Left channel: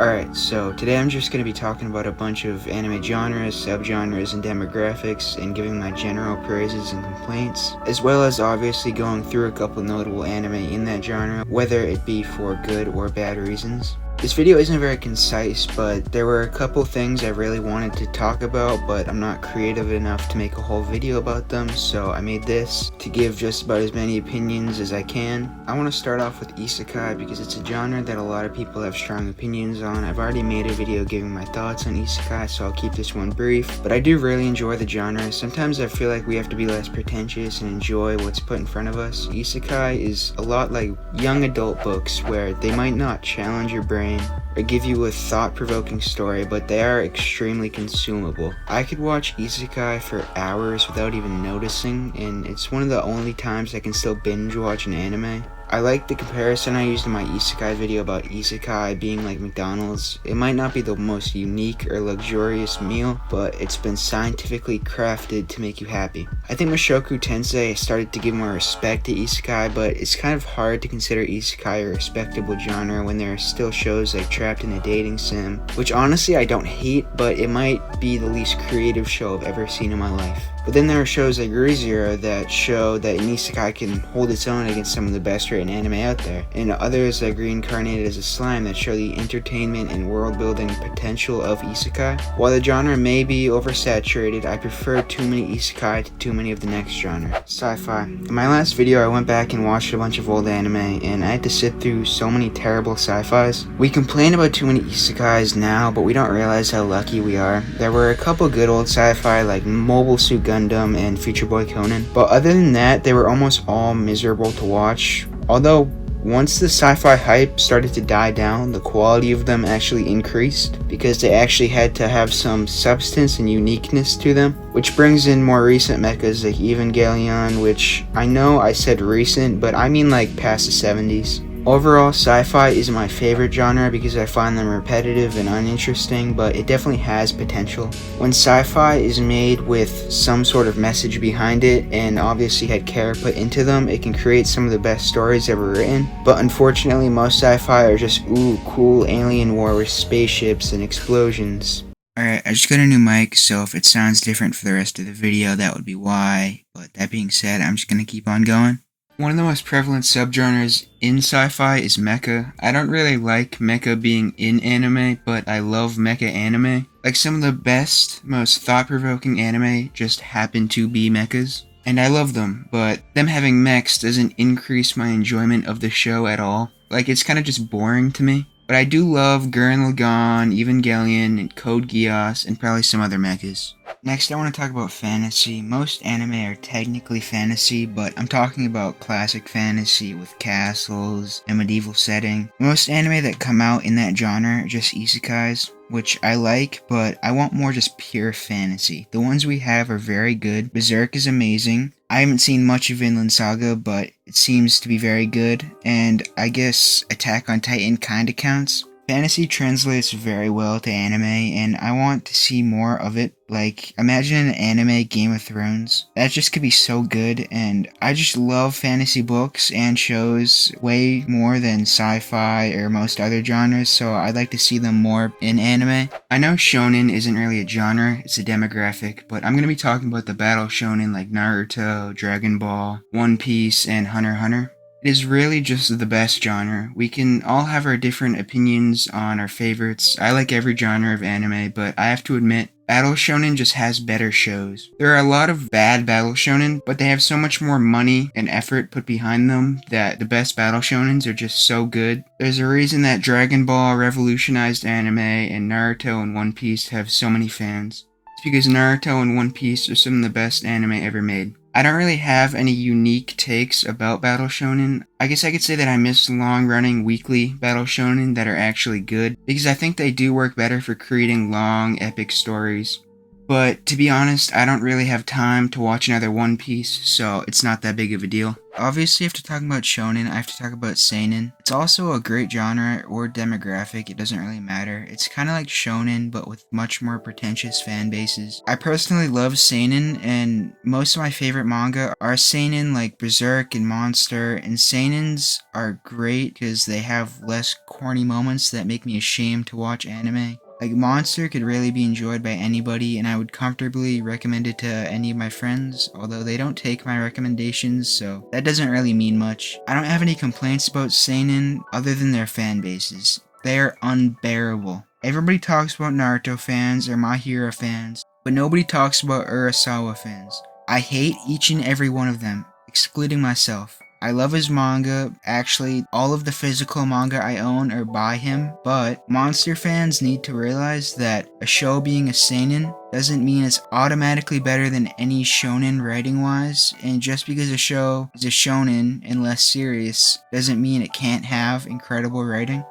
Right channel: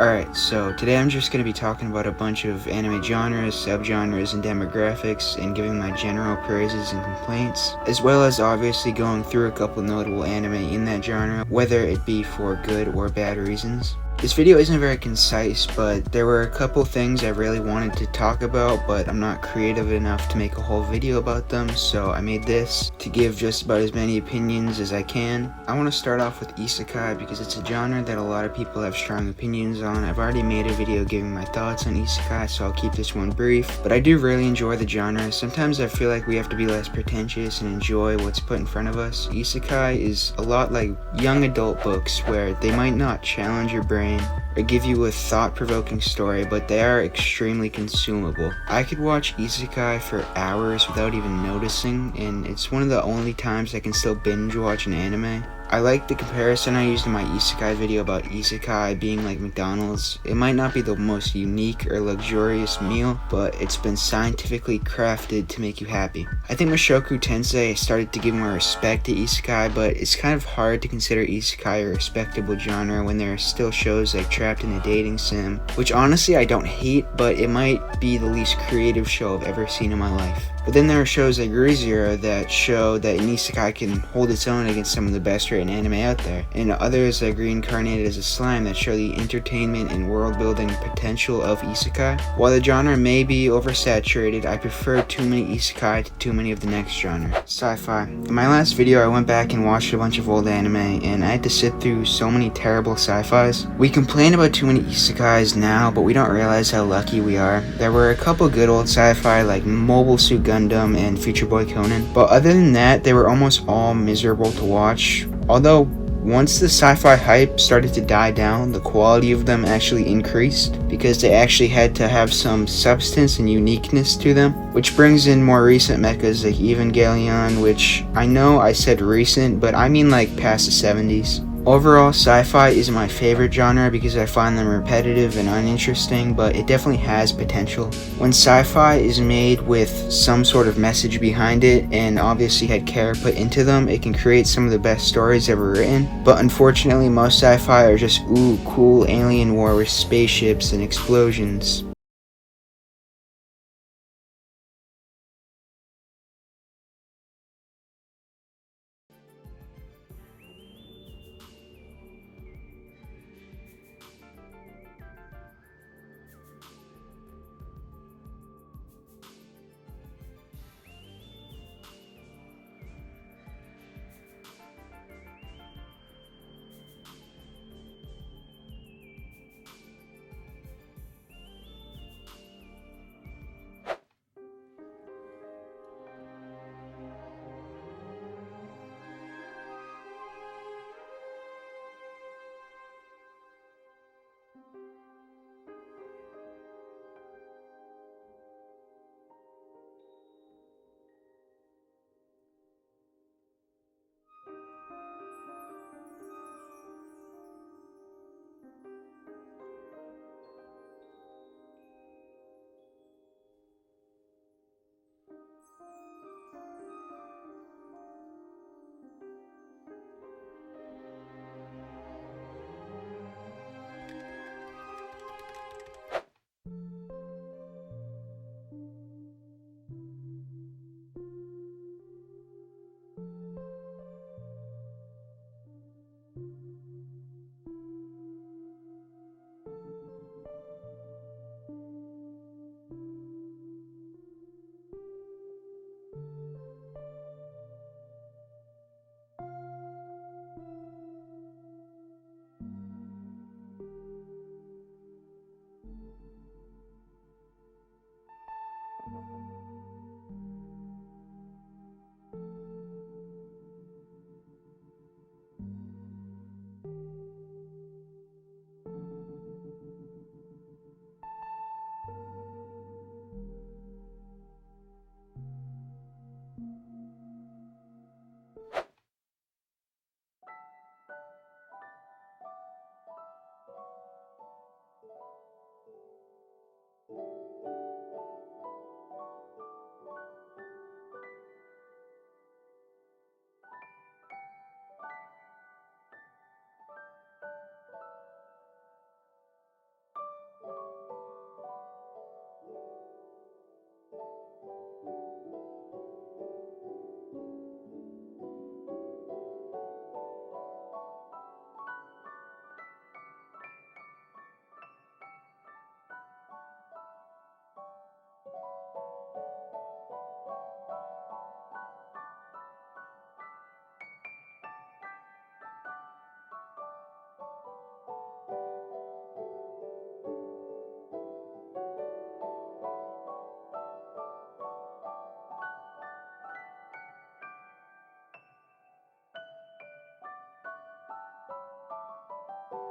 Alright, so today I'm just going to be talking about a bunch of anime genres, subgenres, and demographics, and giving my general praises and complaints, as well as obviously going through a couple notable anime in that genre, whether it be for good or bad reasons. This video isn't very concise, but there were a couple things I really wanted to talk about, but I'm not creative enough to make a whole video about them, so I made this to give just about as many opinions as I can. I want to start off with isekai because it's a genre that a lot of people have strong opinions on. I've already made a video giving my thoughts on isekai, so I'll keep this one brief, but I do really enjoy the genre. Sometimes I feel like we have to be less pretentious and enjoy what's put in front of us. Isekai is a lot like young adult books where they might not challenge your brain or give you a thought-provoking story, but they are extremely consumable. I could watch isekai for hours without even noticing, and it's one of the only times I can still binge watch an anime. I like the comparison I used in my isekai video about isekai being like McDonald's. It might not be the most unique or luxurious meal, but it's been scientifically crafted to make you happy. I think Mushoku Tensei started to give more respect to isekai, but it's kind of hard to consider isekai a respectable genre when there are still shows like Trapped in a Dating Sim, which honestly I don't hate, but it might be the least creative show I've ever seen in my life. But then there are shows like ReZero that show that an isekai can hold its own against some of the best written anime out there, and others like Reincarnated as a Slime that show the entertainment and world-building potential of isekai. While the genre may be oversaturated, I prefer too many isekai to too many of the next genre. Sci-fi. In my last video I went back and watched a bunch of old anime, and I had to sit through so many terrible sci-fis. We complain about too many isekais now, but we don't realize how lucky we are. There were a couple good old sci-fi like Mobile Suit Gundam and Future Boy Conan, but other than that, they were almost all miserable to watch. Although, once the sci-fi hype started to die down, the quality of them actually increased because they actually had to have some substance and uniqueness to them, which brings in more recent mechas like Evangelion, which I know I said recent, but I mean like past the 70s. Overall, sci-fi is my favorite genre because I find them repetitive and uninteresting, but it definitely has potential. When sci-fi is made with some sort of message behind it and obviously had care put into them, it can create some of the best stories ever written. But unfortunately, most sci-fi are just ooh, cool alien war with spaceships and explosions. Alright, I just got a new mic, so if it sounds different for the rest of the video, that would be why. But that being said, I'm just gonna keep on going. One of the most prevalent subgenres in sci-fi is mecha. I don't really like mecha being in anime, but I love mecha anime. Like some of the best, most thought-provoking anime just happen to be mechas. And I love them, but them having mechs doesn't increase my enjoyment of the show at all. Like, it's kind of just boring to me. But I do love Gurren Lagann, Evangelion, and Code Geass, and probably some other mechas. Next, I want to talk about fantasy. Most anime are technically fantasy, but I'm talking about classic fantasy with castles and medieval setting. Most anime that come out in that genre are just isekais, which I like, but I want more just pure fantasy. The ones we have are very good. Berserk is amazing. I haven't seen much of Vinland Saga, but it seems to be very good, and I guess Attack on Titan kinda counts. Fantasy translates very well to anime, and I want to see more of it. Like, imagine an anime Game of Thrones. That just could be so good, and I just love fantasy books and shows way more than sci-fi or most other genres, so I'd like to see them more in anime. I know shonen isn't really a genre, it's a demographic, but I'm going to be talking about the battle shonen like Naruto, Dragon Ball, One Piece, and Hunter x Hunter. It is really just the best genre. We can all have our different opinions on our favorites. I like every genre of anime, but I have to admit, Battle Shonen just has better shows. There are a lot of bad Battle Shonen, but they have so much more money and effort put behind them that the best Battle Shonens are just so good. There's a reason that Dragon Ball revolutionized anime and Naruto and One Piece have so many fans. It's because Naruto and One Piece are some of the best anime ever made. I don't really have any unique takes about Battle Shonen. I guess I could say that I miss long-running weekly Battle Shonen that are actually good, because I think they do work better for creating long, epic stories. But to be honest, I don't really have time to watch another One Piece, so it's not that big of a deal. Obviously, after talking about shonen, I have to talk about seinen. It's also a great genre or demographic, it doesn't really matter. It's kind of like shonen, but with much more pretentious fan bases. I personally love seinen, and most of my favorite manga are seinen like Berserk and Monster, and seinens are great because they have less corny moments that make me ashamed to watch anime. Like Monster could really be enjoyed by anybody, and I would comfortably recommend it to any of my friends, although they don't take my recommendations, so that doesn't really mean much. I don't have any complaints about seinen other than their fan bases. They are unbearable. Everybody talks about Naruto fans or My Hero fans, but nobody talks about Urasawa fans. I hate each and every one of them, excluding myself. I love his manga. Actually, all of the physical manga I own are by him, but Monster fans need to realize that a show being a seinen doesn't mean it's automatically better than any shonen writing-wise, and just because a show is a shonen and less serious doesn't mean it can't have incredible writing.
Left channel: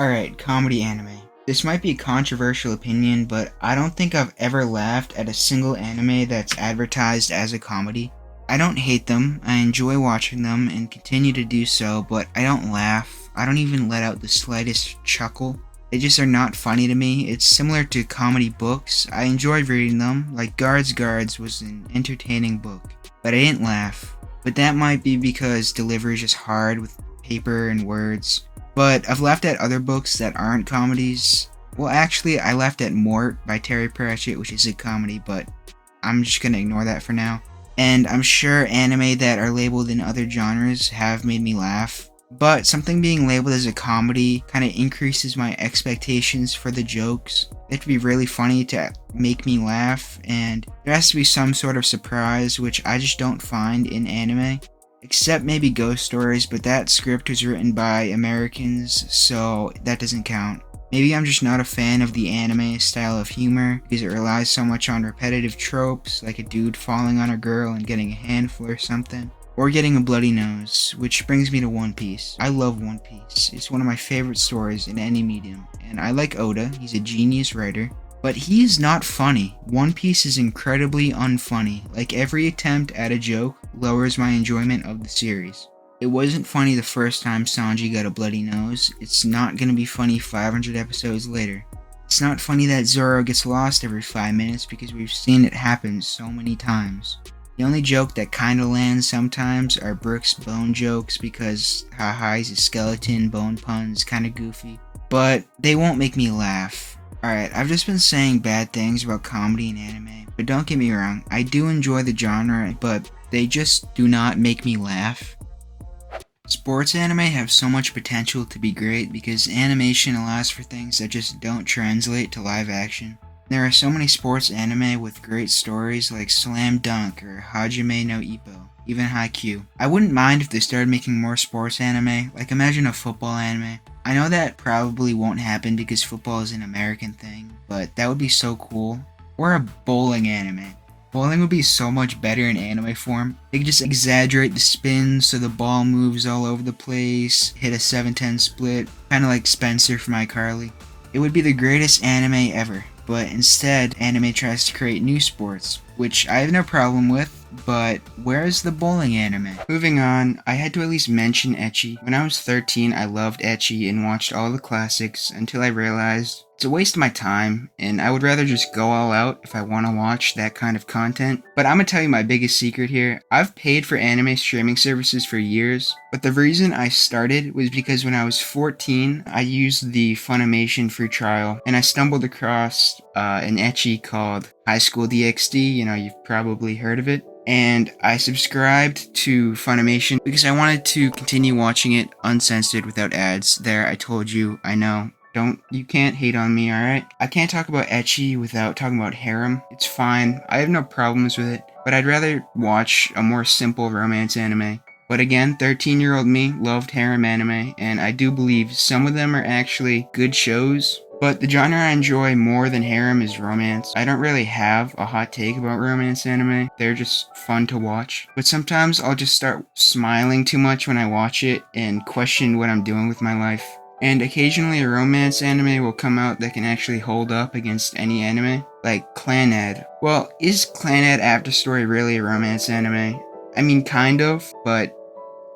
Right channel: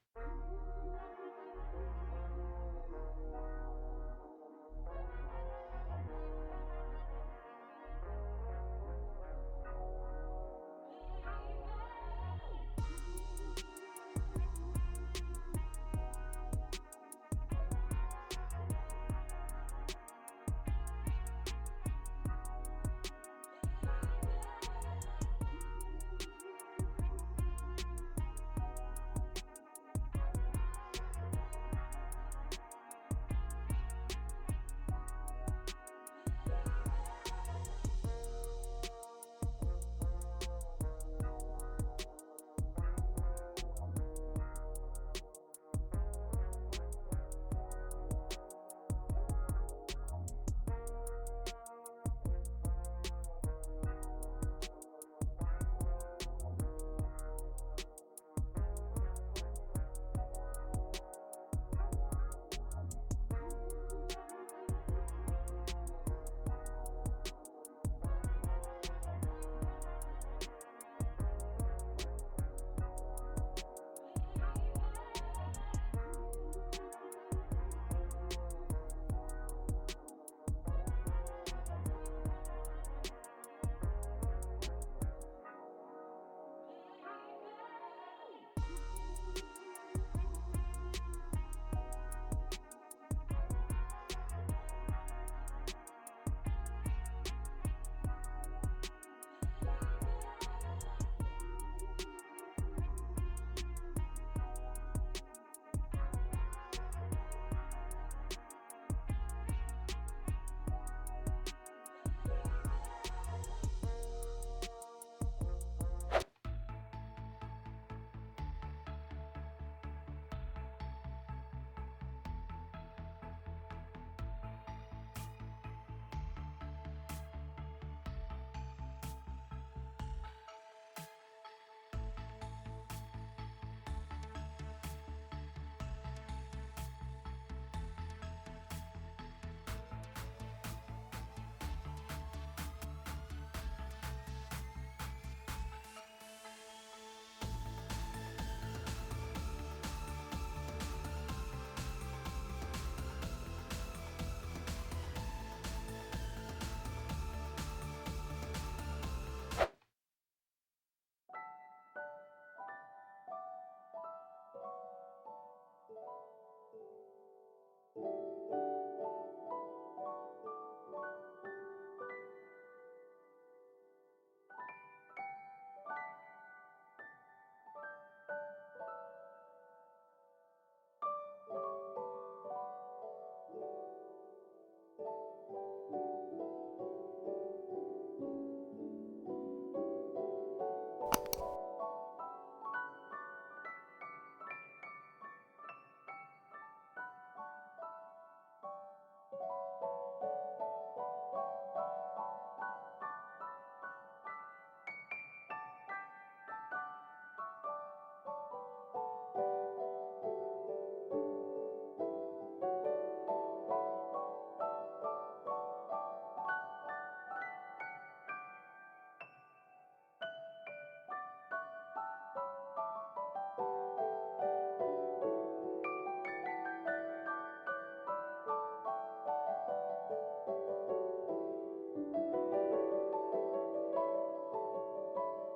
Alright, comedy anime. This might be a controversial opinion, but I don't think I've ever laughed at a single anime that's advertised as a comedy. I don't hate them, I enjoy watching them and continue to do so, but I don't laugh. I don't even let out the slightest chuckle. They just are not funny to me. It's similar to comedy books. I enjoy reading them, like Guards was an entertaining book, but I didn't laugh. But that might be because delivery is just hard with paper and words. But I've laughed at other books that aren't comedies. Well, actually, I laughed at Mort by Terry Pratchett, which is a comedy, but I'm just gonna ignore that for now. And I'm sure anime that are labeled in other genres have made me laugh, but something being labeled as a comedy kind of increases my expectations for the jokes. They have to be really funny to make me laugh, and there has to be some sort of surprise, which I just don't find in anime. Except maybe Ghost Stories, but that script was written by Americans, so that doesn't count. Maybe I'm just not a fan of the anime style of humor because it relies so much on repetitive tropes like a dude falling on a girl and getting a handful or something, or getting a bloody nose, which brings me to One Piece. I love One Piece. It's one of my favorite stories in any medium, and I like Oda. He's a genius writer, but he is not funny. One Piece is incredibly unfunny. Like every attempt at a joke lowers my enjoyment of the series. It wasn't funny the first time Sanji got a bloody nose. It's not gonna be funny 500 episodes later. It's not funny that Zoro gets lost every 5 minutes because we've seen it happen so many times. The only joke that kinda lands sometimes are Brook's bone jokes because haha he's a skeleton, bone puns, kinda goofy. But they won't make me laugh. Alright, I've just been saying bad things about comedy and anime, but don't get me wrong, I do enjoy the genre, but they just do not make me laugh. Sports anime have so much potential to be great because animation allows for things that just don't translate to live action. There are so many sports anime with great stories like Slam Dunk or Hajime no Ippo, even Haikyuu. I wouldn't mind if they started making more sports anime, like imagine a football anime. I know that probably won't happen because football is an American thing, but that would be so cool. Or a bowling anime. Bowling would be so much better in anime form. They could just exaggerate the spin so the ball moves all over the place, hit a 7-10 split, kinda like Spencer from iCarly. It would be the greatest anime ever, but instead, anime tries to create new sports, which I have no problem with, but where is the bowling anime? Moving on, I had to at least mention ecchi. When I was 13, I loved ecchi and watched all the classics until I realized it's a waste of my time, and I would rather just go all out if I want to watch that kind of content. But I'm gonna tell you my biggest secret here. I've paid for anime streaming services for years, but the reason I started was because when I was 14, I used the Funimation free trial, and I stumbled across an ecchi called High School DxD, you've probably heard of it. And I subscribed to Funimation because I wanted to continue watching it uncensored without ads. There, I told you, I know. You can't hate on me, alright? I can't talk about ecchi without talking about harem. It's fine, I have no problems with it, but I'd rather watch a more simple romance anime. But again, 13-year-old me loved harem anime, and I do believe some of them are actually good shows. But the genre I enjoy more than harem is romance. I don't really have a hot take about romance anime. They're just fun to watch. But sometimes I'll just start smiling too much when I watch it and question what I'm doing with my life. And occasionally a romance anime will come out that can actually hold up against any anime, like Clannad. Well, is Clannad After Story really a romance anime? I mean, kind of, but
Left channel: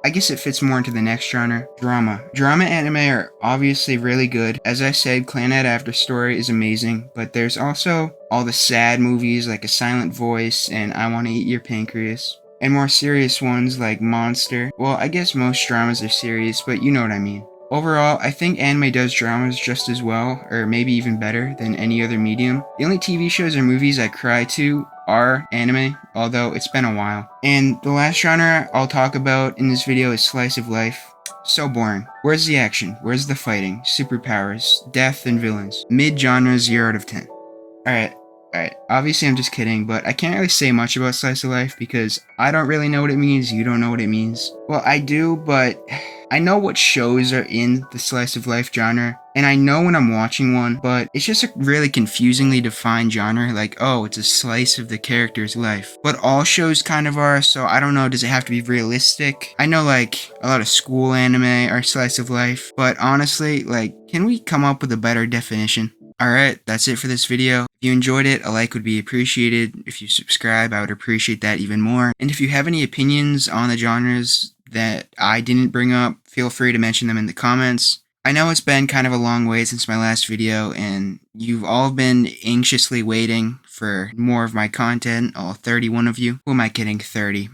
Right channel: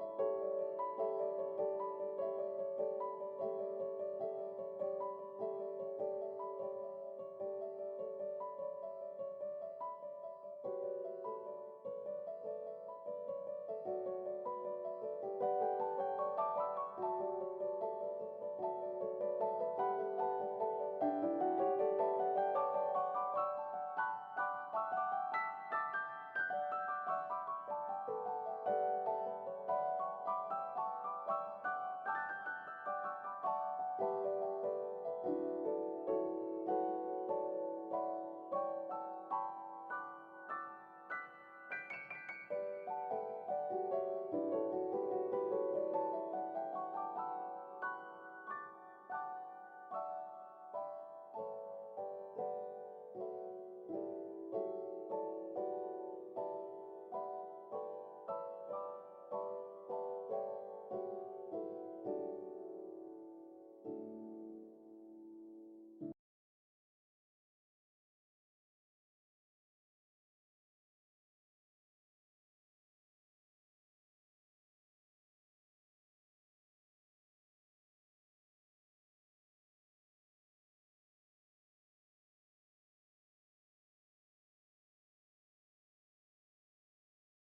I guess it fits more into the next genre, drama. Drama anime are obviously really good. As I said, Clannad After Story is amazing, but there's also all the sad movies like A Silent Voice and I Want to Eat Your Pancreas. And more serious ones like Monster. Well, I guess most dramas are serious, but you know what I mean. Overall, I think anime does dramas just as well, or maybe even better, than any other medium. The only TV shows or movies I cry to are anime, although it's been a while. And the last genre I'll talk about in this video is slice of life. So boring. Where's the action? Where's the fighting? Superpowers, death, and villains? Mid-genre 0 out of 10. Alright, alright. Obviously, I'm just kidding, but I can't really say much about slice of life because I don't really know what it means, you don't know what it means. Well, I do, but I know what shows are in the slice of life genre, and I know when I'm watching one, but it's just a really confusingly defined genre, like, oh, it's a slice of the character's life. But all shows kind of are, so I don't know, does it have to be realistic? I know, like, a lot of school anime are slice of life, but honestly, like, can we come up with a better definition? Alright, that's it for this video. If you enjoyed it, a like would be appreciated. If you subscribe, I would appreciate that even more. And if you have any opinions on the genres that I didn't bring up, feel free to mention them in the comments. I know it's been kind of a long wait since my last video, and you've all been anxiously waiting for more of my content, all 31 of you. Who am I kidding, 30?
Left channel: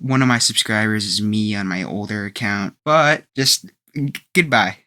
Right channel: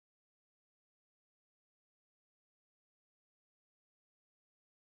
One of my subscribers is me on my older account, but just goodbye.